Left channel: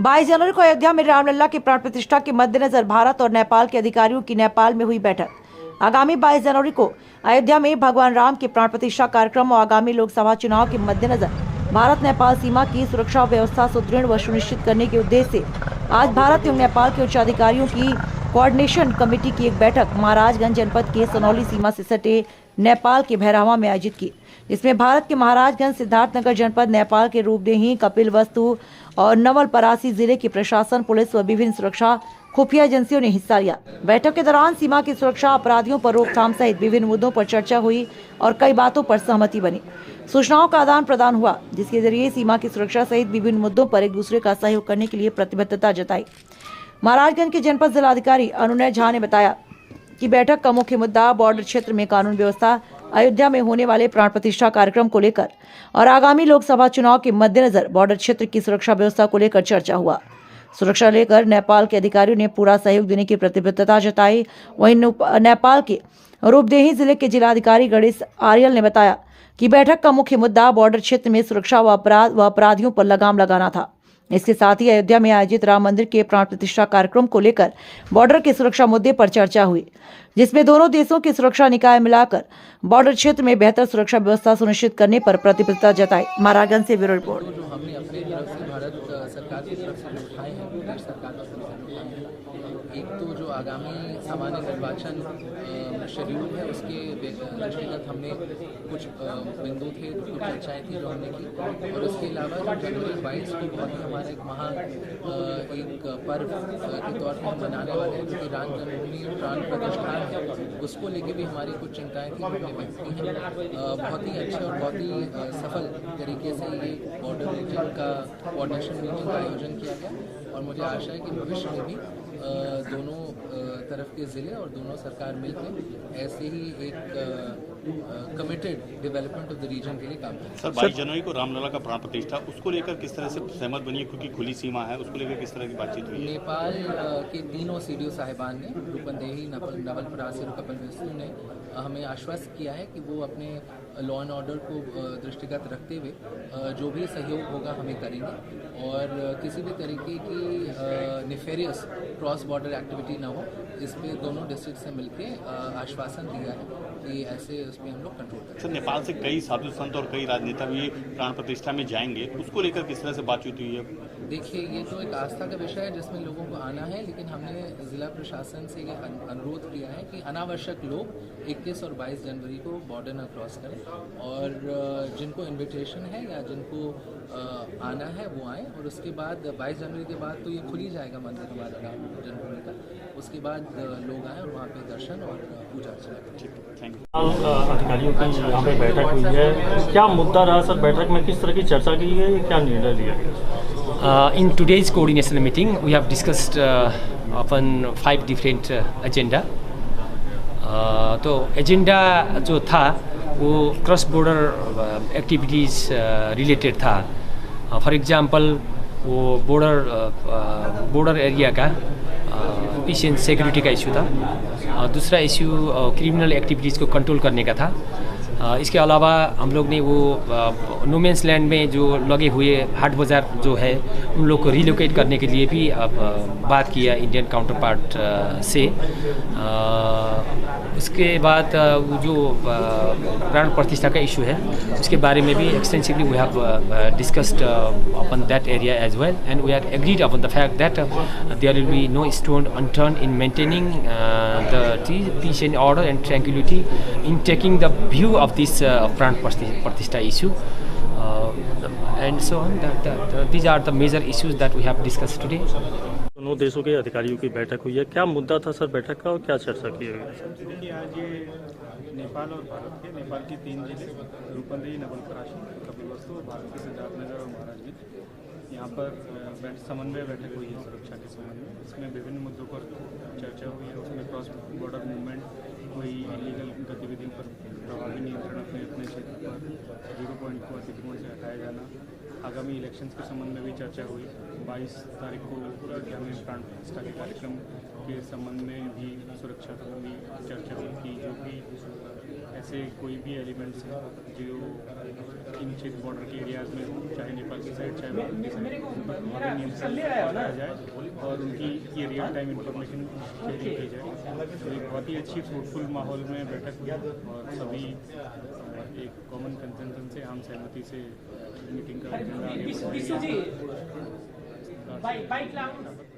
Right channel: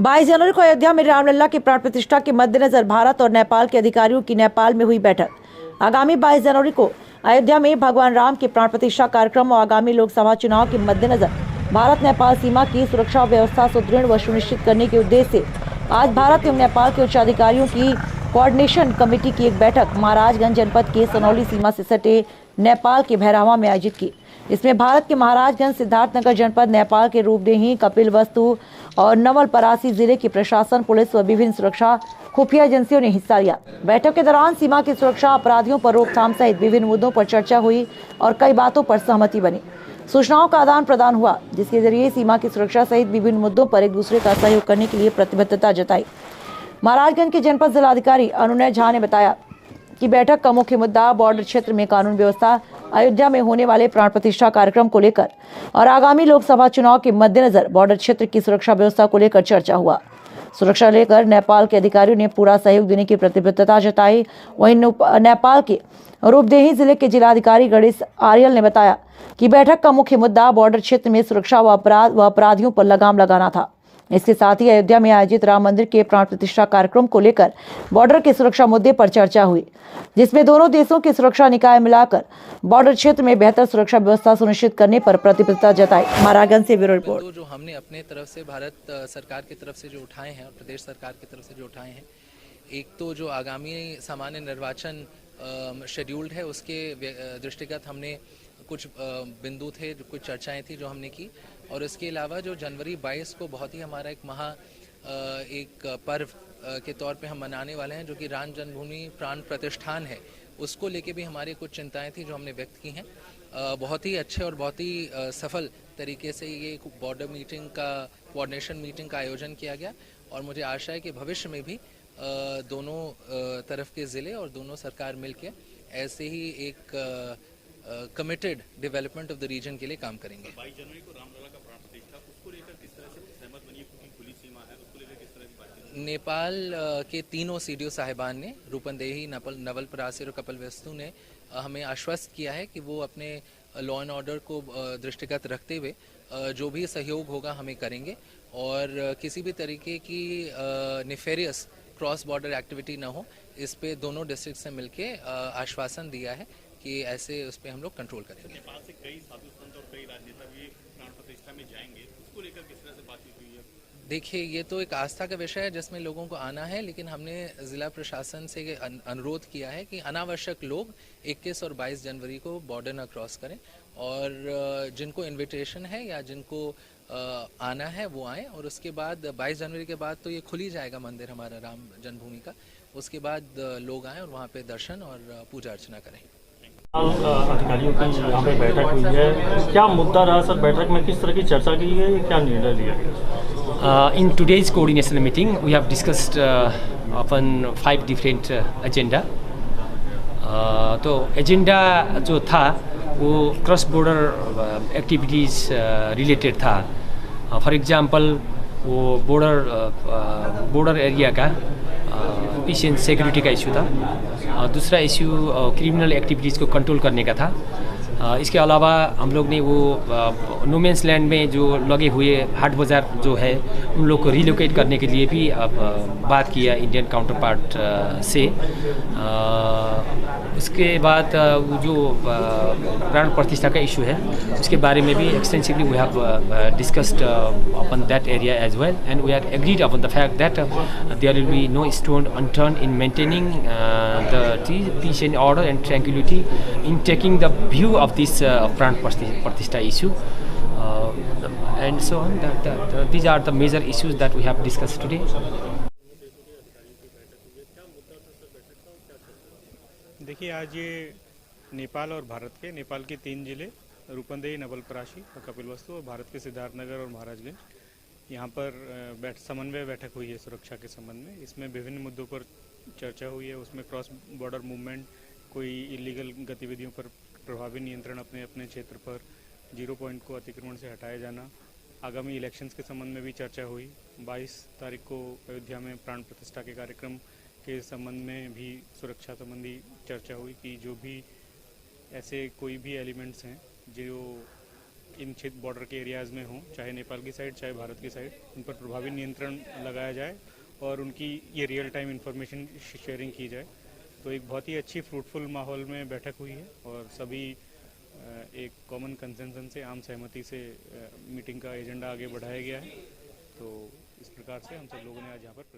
22 जनवरी को अयोध्या में रामलला की प्राण प्रतिष्ठा के मद्देनजर भारत और नेपाल के अधिकारियों की नेपाल में हुई बैठक। आगामी 22 जनवरी को अयोध्या में भगवान राम के प्राण प्रतिष्ठा कार्यक्रम और आगामी लोकसभा चुनाव के मद्देनजर भारत नेपाल सीमा की सुरक्षा व्यवस्था सुदृढ़ व सुनिश्चित करने के उद्देश्य से आज भारत एवं नेपाल के उच्च अधिकारियों की कोऑर्डिनेशन कमेटी की एक बैठक महाराजगंज जनपद के सनौली सीमा से सटे नेपाल के भैरहवा में आयोजित की। इसमें भारत के महाराजगंज, सिद्धार्थनगर जनपद, नेपाल के रूपदेही, कपिलवस्तु और नवलपरासी जिले की प्रशासन, पुलिस व विभिन्न सुरक्षा खुफिया एजेंसियों ने हिस्सा लिया। बैठक के दौरान सीमा की सुरक्षा, अपराधियों पर रोकथाम सहित विभिन्न मुद्दों पर चर्चा हुई और कई बातों पर सहमति बनी। सूचनाओं का आदान प्रदान हुआ, जिसके जरिए सीमा की सुरक्षा सहित विभिन्न मुद्दों पर एक दूसरे का सहयोग करने के लिए प्रतिबद्धता जताई। महाराजगंज के जनपद जिलाधिकारी अनुनय झा ने बताया कि बैठक का मुख्य मुद्दा बॉर्डर क्षेत्र में कानून व्यवस्था, अयोध्या में होने वाले प्राण प्रतिष्ठा कार्यक्रम को लेकर और आगामी लोकसभा चुनाव के मद्देनजर बॉर्डर क्षेत्र की सुरक्षा व्यवस्था को लेकर चर्चा हुआ। सुरक्षा लेकर नेपाल के अधिकारियों ने पूरा सहयोग देने की प्रतिबद्धता जताई। वहीं नेपाल के रूपदेही जिले के जिलाधिकारी गणेश आर्यल ने बताया कि बैठक का मुख्य मुद्दा बॉर्डर क्षेत्र में सुरक्षा व अपराधियों पर लगाम लगाना था। इसके साथ ही अयोध्या में आयोजित राम मंदिर के प्राण प्रतिष्ठा कार्यक्रम को लेकर बॉर्डर के सुरक्षा मुद्दे पर चर्चा हुई, जिसमें दोनों देशों के सुरक्षा निकाय मिलाकर बॉर्डर क्षेत्र में बेहतर सुरक्षा व्यवस्था सुनिश्चित करने पर प्रतिबद्धता जताई। महाराजगंज से ब्यूरो रिपोर्ट। जो हमने अपनी तरफ से भारत सरकार की तरफ से जो उठाए हैं, प्रदेश सरकार की तरफ से जो उठाए हैं, एक तो जो आगामी सामान्य निर्वाचन शेड्यूल है उसके दृष्टिगत हमने कुछ बिंदु थे, कुछ चर्चाएं थी जो हमने की, और उसके अलावा जो जनवरी 22 को बहुत ही हमारा एक पर्व के तौर पे हम मनाने वाले हैं, जो कि राम जन्मभूमि प्राण प्रतिष्ठान है, उसको लेके भी हमारी कुछ चिंताएं थी जो हमने व्यक्त की हैं। बहुत ही अच्छे और बहुत ही सफल तरीके से ये बॉर्डर मीटिंग का कोऑर्डिनेशन मीटिंग का आयोजन किया गया, और मुझे आशा है कि भविष्य में भी दोनों तरफ के ज़िले और दोनों सरकार मिलकर ऐसे ही एक committed development of the region के लिए काम करेंगे। सर, 22 जनवरी को रामलला का प्राण प्रतिष्ठा, उसको लेकर किस तरह से सहमत बनी है, क्योंकि खुली सीमा है, उसको लेकर किस तरह की बातचीत हुई? नेपाल के तीनों सीडीओ साहिबान ने, रूपंदेही, नवलपरासी और कपिलवस्तु ने हमें आश्वस्त किया है कि वो अपने लॉ एंड ऑर्डर को दृष्टिगत रखते हुए जो भी सहयोग होगा हमें करेंगे, और किसी भी तरीके की नेफेरियस क्रॉस बॉर्डर एक्टिविटी ना हो, इस पे दोनों डिस्ट्रिक्ट से मिलके आश्वासन दिया है कि ऐसे उस पर हम लोग कंट्रोल करेंगे। सर, नेपाल से कई साधु संत और कई राजनेता भी प्राण प्रतिष्ठा में जाएंगे, उसको लेकर किस तरह से बातचीत हुई है? देखिए, ये तो एक आस्था का विषय है जिसमें लोगों को आना है, लेकिन हमने जिला प्रशासन से ये अनुरोध किया है कि अनावश्यक लोग 21 और 22 जनवरी को बॉर्डर ना क्रॉस करें, और जिनको इन्विटेशन है या जिनको आना है वो आए, और उसके बाद 22 जनवरी के बाद तो ये खुल ही जाएगा मंदिर हमारा राम जन्मभूमि का, उसके बाद लोग आएँ और वहाँ पे दर्शन और पूजा अर्चना करें। अधिकारियों की यहाँ पे बैठक हुई है, क्या मुद्दा रहा सर? बैठक में किस तरह की चर्चा की गई, क्या निर्णय लिया गया? In today's coordination meeting, we have discussed upon 5 different agenda. तो एजेंडा जो था वो क्रॉस बॉर्डर एक्टिविटीज़ रिलेटेड था। फॉर एग्जांपल वो बॉर्डर एरिया का पीस एंड सिक्योरिटी का इशू था। दूसरा इशू क्रिमिनल एक्टिविटीज़ को कंट्रोल करने का था। इसके अलावा हम लोग ने वो नोमेंस लैंड में जो लगे हुए हाट बाज़ार जो है उन लोग को रिलोकेट करने के लिए भी बात किया इंडियन काउंटर पार्ट से। उसके बाद वो जो प्राण प्रतिष्ठा का इशू है उसके बारे में भी extensively we have discussed upon that area as well, and we are agreed upon the fact that there will be no stone unturned in maintaining the peace and order and tranquillity in taking the view of this Pran Pratishtha issue, and so on. These are the major issues that we have discussed today. दोनों देशों के अधिकारियों की बैठक हुई है, क्या मुद्दा था सर बैठक का और क्या चर्चा की गई? देखिए, आज ये नेपाल और भारत के, नेपाल के 3 जिले रूपंदेही, नवलपरासी, कपिलवस्तु, और भारत के सिद्धार्थनगर और महाराजगंज, यहाँ पर समन्वय बैठक हुई है सुरक्षा के संबंध में। इसमें विभिन्न मुद्दों पर चर्चा हुई है। उसमें क्रॉस बॉर्डर मूवमेंट, कोई इलीगल गतिविधियों पर प्रभावी नियंत्रण अपने क्षेत्र पर, 0 पॉइंट को अतिक्रमण से हटाया जाना, आगामी इलेक्शंस के संबंध में भी चर्चा हुई। 22 तारीख को अयोध्या में प्राण प्रतिष्ठा के कार्यक्रम के संबंध में भी सुरक्षा संबंधी चर्चा हुई कि जो भी ऐसे कोई भी एलिमेंट्स हैं जो इन संरक्षित बॉर्डर के एरियाज़ में हों, चाहे नेपाल की साइड चाहे भारत की साइड, उन पर प्रभावी नियंत्रण लगाया जाए और उनकी ये रियल टाइम इंफॉर्मेशन शेयरिंग की जाए। तो एक बहुत ही अच्छी फ्रूटफुल माहौल में बैठक हुई और सभी एक कॉमन कंसेंसस से, आम सहमति से मीटिंग का एजेंडा आगे बढ़ाया गया। तो इस प्रकार से